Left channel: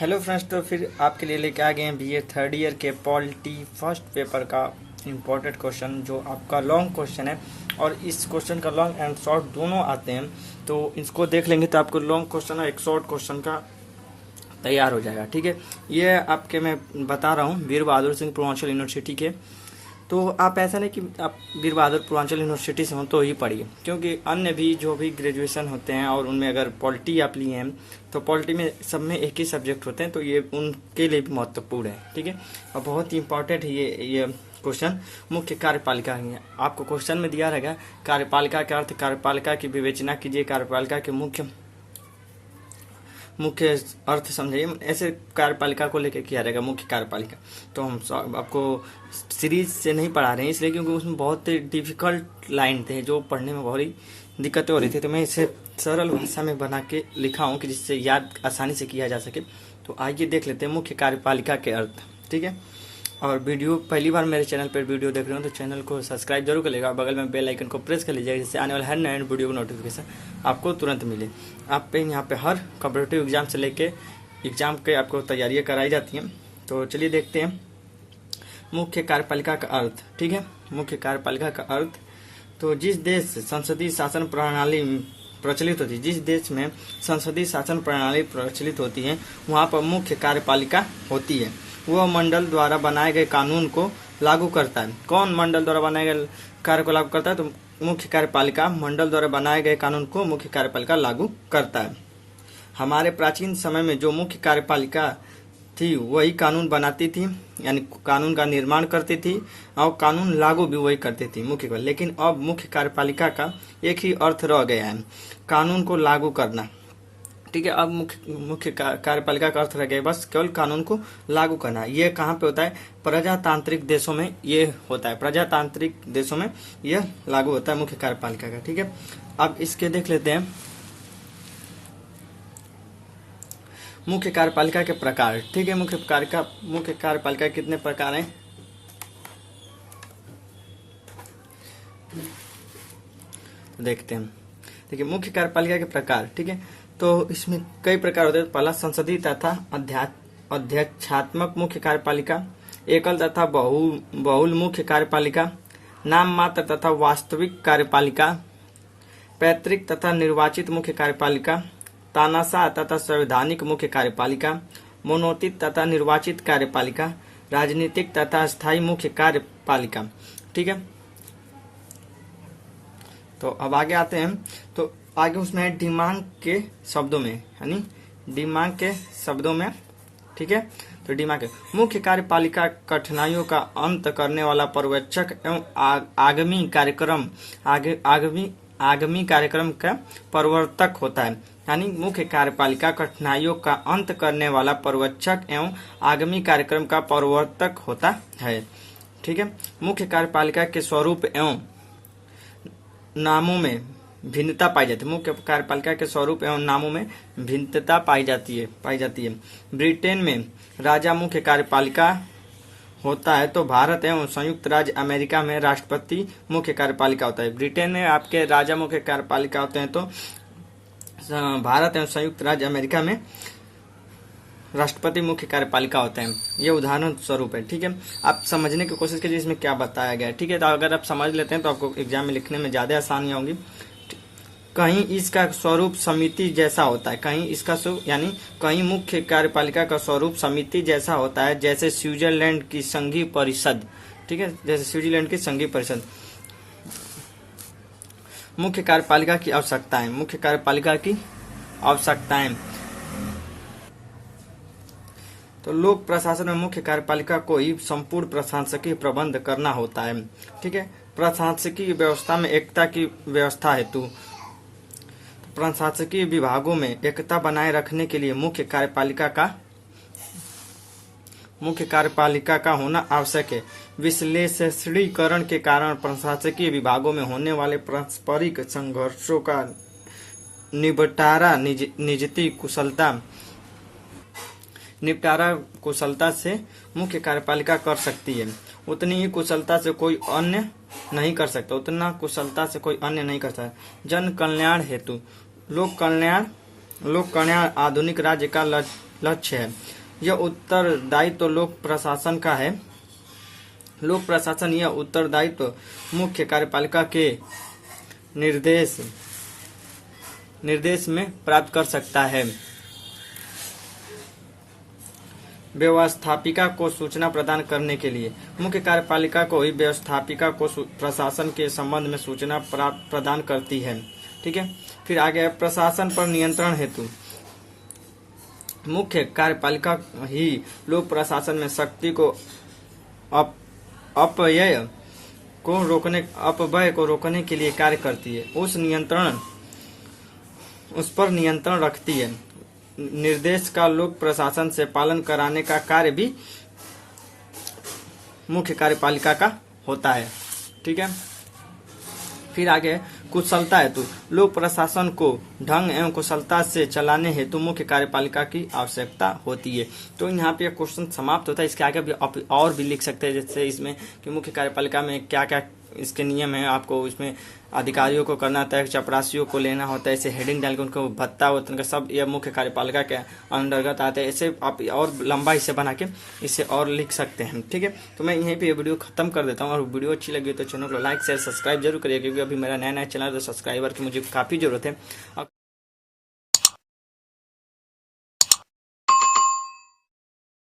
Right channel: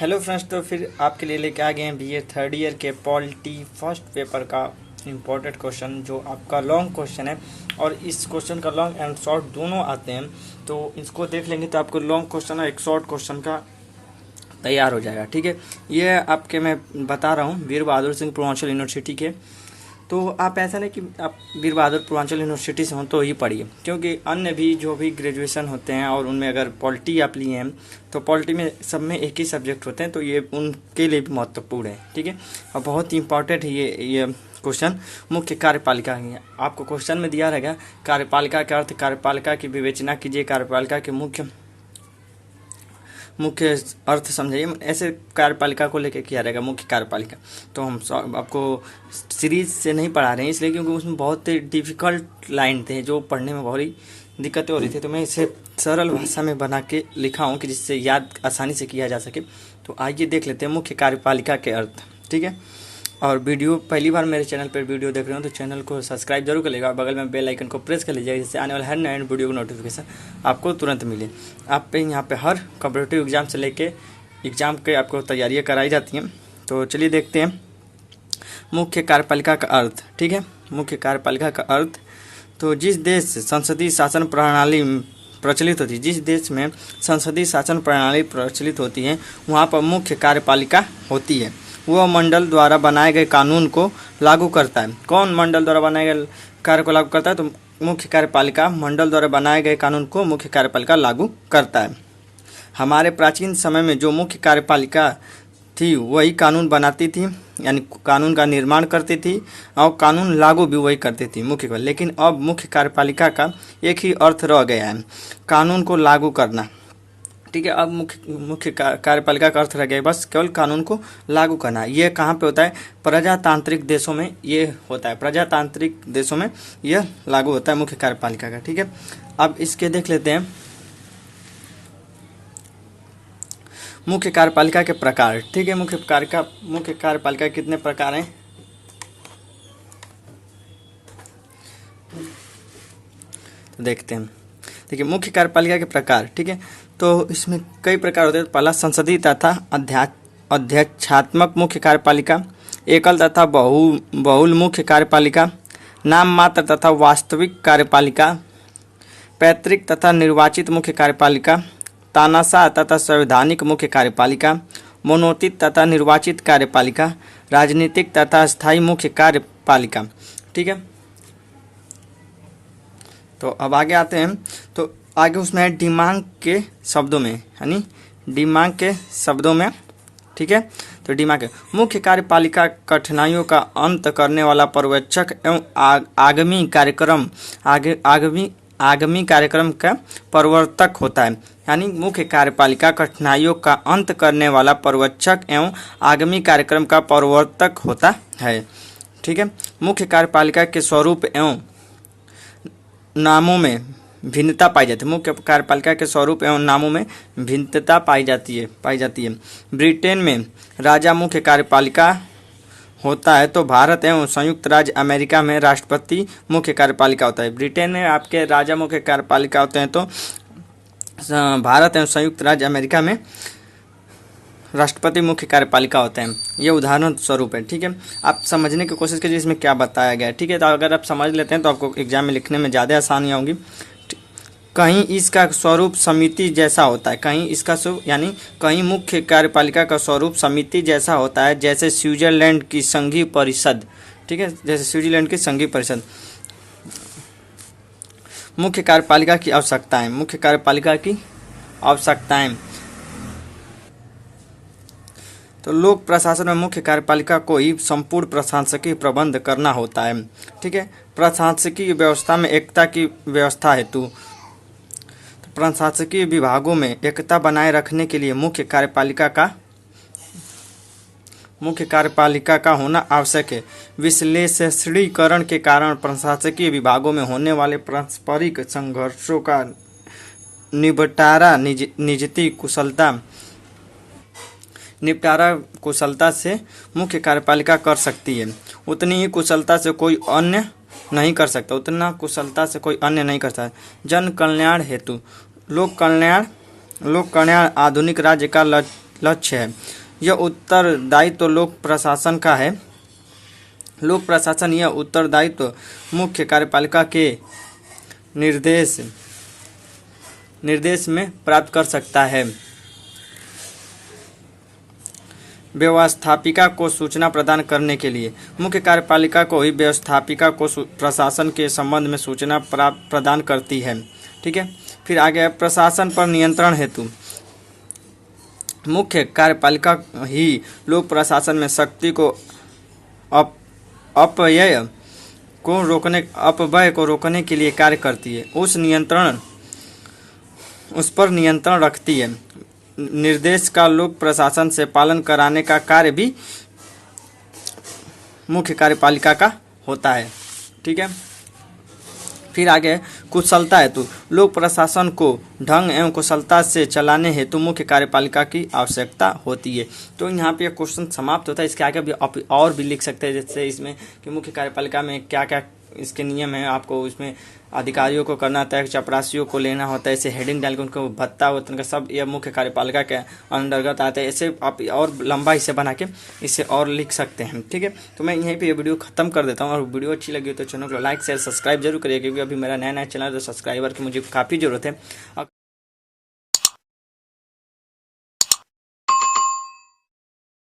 Hello friends, तो फिर आपके लिए लेके आ गए हैं बीए थर्ड ईयर के पॉलिटी फर्स्ट पेपर का इम्पोर्टेंट क्वेश्चन, जो आपका लॉन्ग क्वेश्चन है। और इस क्वेश्चन का लॉन्ग एंड शॉर्ट दोनों आते हैं, तो इसको देख लेंगे तो आपको लॉन्ग क्वेश्चन और एक शॉर्ट क्वेश्चन का तैयार हो जाएगा। ठीक है, ये आपके मैं बता रहा हूँ वीर बहादुर सिंह पूर्वांचल यूनिवर्सिटी के। तो आप ऐसा नहीं कि आप वीर बहादुर पूर्वांचल यूनिवर्सिटी से हों तो ही पढ़िए, क्योंकि अन्य भी जो भी ग्रेजुएशन होते हैं और उनमें अगर पॉलिटी आप लिए हैं तो पॉलिटी में सब में एक ही सब्जेक्ट होते हैं, तो ये उनके लिए भी महत्वपूर्ण है। ठीक है, और बहुत ही इंपॉर्टेंट है ये क्वेश्चन। मुख्य कार्यपालिका आपको क्वेश्चन में दिया रहेगा। कार्यपालिका का अर्थ, कार्यपालिका की विवेचना कीजिए, कार्यपालिका के मुख्य अर्थ समझिए। ऐसे कार्यपालिका को लेकर किया रहेगा मुख्य कार्यपालिका। तो हम आपको सीरीज से नहीं पढ़ा रहे हैं इसलिए क्योंकि उसमें बहुत ही डिफिकल्ट लाइन थे जो पढ़ने में बहुत ही दिक्कतें हो रही थी, तो मैं इसे सरल भाषा में बना के लिखा हूँ कि जिससे याद आसानी से किया जा सके। तो आइए देख लेते हैं मुख्य कार्यपालिका के अर्थ। ठीक है, और वीडियो पहली बार मेरे चैनल पर वीडियो देख रहे हो तो चैनल को सब्सक्राइब जरूर कर लेगा, बगल में बेल आइकन को प्रेस कर लीजिएगा, जिससे आने वाले हर नए वीडियो का नोटिफिकेशन आपको तुरंत मिले। आप पे यहाँ पे हर कॉम्पिटिटिव एग्जाम से लेके एग्जाम के आपको तैयारियाँ कराई जाती हैं। तो चलिए देखते हैं मुख्य कार्यपालिका का अर्थ। ठीक है, मुख्य कार्यपालिका का अर्थ, तो जिस देश संसदीय शासन प्रणाली प्रचलित होती है, जिस देश में संसदीय शासन प्रणाली प्रचलित होती है वहाँ पर मुख्य कार्यपालिका होती है। वह मंडल द्वारा बनाए गए कानून को लागू करता है। कौन मंडल द्वारा बनाए गए कार्य को लागू करता है? तो मुख्य कार्यपालिका मंडल द्वारा बनाए गए कानून को मुख्य कार्यपालिका लागू करता है। हमारे प्राचीन समय में जो मुख्य कार्यपालिका थी वही कानून बनाती थी, यानी कानून का निर्माण करती थी और कानून लागू भी वही करती थी मुख्य। लेकिन अब मुख्य कार्यपालिका का एक ही अर्थ रह गया है, कानून को लागू करना। ठीक है, अब मुख्य कार्यपालिका का अर्थ रह गया बस केवल कानून को लागू करना। ये कहाँ पे होता है? प्रजातांत्रिक देशों में ये होता है, प्रजातांत्रिक देशों में यह लागू होता है मुख्य कार्यपालिका का। ठीक है, अब इसके देख लेते हैं मुख्य कार्यपालिका के प्रकार। ठीक है, मुख्य कार्यपालिका कितने प्रकार हैं? तो देखते हैं। देखिए, मुख्य कार्यपालिका के प्रकार। ठीक है, तो इसमें कई प्रकार होते हैं। पहला, संसदीय तथा अध्यक्षात्मक मुख्य कार्यपालिका, एकल तथा बहुल मुख्य कार्यपालिका, नाम मात्र तथा वास्तविक कार्यपालिका, पैतृक तथा निर्वाचित मुख्य कार्यपालिका, तानाशाह तथा संवैधानिक मुख्य कार्यपालिका, मनोनीत तथा निर्वाचित कार्यपालिका, राजनीतिक तथा स्थायी मुख्य कार्यपालिका। ठीक है, तो अब आगे आते हैं। तो आगे उसमें है डिमांग के शब्दों में, यानी डिमांग के शब्दों में। ठीक है, तो डिमांग के मुख्य कार्यपालिका कठिनाइयों का अंत करने वाला पर्यवेक्षक एवं आगामी कार्यक्रम का प्रवर्तक होता है। यानी मुख्य कार्यपालिका कठिनाइयों का अंत करने वाला पर्यवेक्षक एवं आगामी कार्यक्रम का प्रवर्तक होता है। ठीक है, मुख्य कार्यपालिका के स्वरूप एवं नामों में भिन्नता पाई जाती है। मुख्य कार्यपालिका के स्वरूप एवं नामों में भिन्नता पाई जाती है। ब्रिटेन में राजा मुख्य कार्यपालिका होता है, तो भारत एवं संयुक्त राज्य अमेरिका में राष्ट्रपति मुख्य कार्यपालिका होता है। ब्रिटेन में आपके राजा मुख्य कार्यपालिका होते हैं, तो भारत एवं संयुक्त राज्य अमेरिका में राष्ट्रपति मुख्य कार्यपालिका होते हैं। ये उदाहरण स्वरूप है। ठीक है, आप समझने की कोशिश कीजिए इसमें क्या बताया गया है। ठीक है, तो अगर आप समझ लेते हैं तो आपको एग्जाम में लिखने में ज़्यादा आसानी होगी। कहीं इसका स्वरूप समिति जैसा होता है, कहीं इसका स्वरूप यानी कहीं मुख्य कार्यपालिका का स्वरूप समिति जैसा होता है, जैसे स्विट्जरलैंड की संघीय परिषद। ठीक है, जैसे स्विट्जरलैंड की संघीय परिषद। मुख्य कार्यपालिका की आवश्यकताएं, मुख्य कार्यपालिका की आवश्यकताएं। तो लोक प्रशासन में मुख्य कार्यपालिका को ही संपूर्ण प्रशासकीय प्रबंध करना होता है। ठीक है, प्रशासकीय व्यवस्था में एकता की व्यवस्था हेतु प्रशासकीय विभागों में एकता बनाए रखने के लिए मुख्य कार्यपालिका का होना आवश्यक है। विश्लेषणीकरण के कारण प्रशासकीय विभागों में होने वाले पारस्परिक संघर्षों का निपटारा कुशलता से मुख्य कार्यपालिका कर सकती है। उतनी ही कुशलता से कोई अन्य नहीं कर सकता। जन कल्याण हेतु लोक कल्याण आधुनिक राज्य का लक्ष्य है। यह उत्तरदायित्व लोक प्रशासन का है। लोक प्रशासन यह उत्तरदायित्व मुख्य कार्यपालिका के निर्देश में प्राप्त कर सकता है। व्यवस्थापिका को सूचना प्रदान करने के लिए मुख्य कार्यपालिका को ही व्यवस्थापिका को प्रशासन के संबंध में सूचना प्रदान करती है। ठीक है, फिर आगे प्रशासन पर नियंत्रण हेतु मुख्य कार्यपालिका ही लोक प्रशासन में शक्ति को अपव्यय को रोकने के लिए कार्य करती है। उस पर नियंत्रण रखती है। निर्देश का लोक प्रशासन से पालन कराने का कार्य भी मुख्य कार्यपालिका का होता है। ठीक है, फिर आगे कुशलता हेतु लोक प्रशासन को ढंग एवं कुशलता से चलाने हेतु मुख्य कार्यपालिका की आवश्यकता होती है। तो यहाँ पे क्वेश्चन समाप्त होता है। इसके आगे भी आप और भी लिख सकते हैं, जैसे इसमें कि मुख्य कार्यपालिका में क्या क्या इसके नियम है, आपको इसमें अधिकारियों को करना होता है, चपरासियों को लेना होता है, ऐसे हेडिंग डाल के उनको भत्ता होता है, उनका सब यह मुख्य कार्यपालिका के अंतर्गत आता है। ऐसे आप और लंबा इसे बना के इसे और लिख सकते हैं। ठीक है, तो मैं यहीं पे ये वीडियो खत्म कर देता हूँ। और वीडियो अच्छी लगी तो चैनल को लाइक शेयर सब्सक्राइब जरूर करिए, क्योंकि अभी मेरा नया चैनल है तो सब्सक्राइबर की मुझे काफ़ी ज़रूरत है।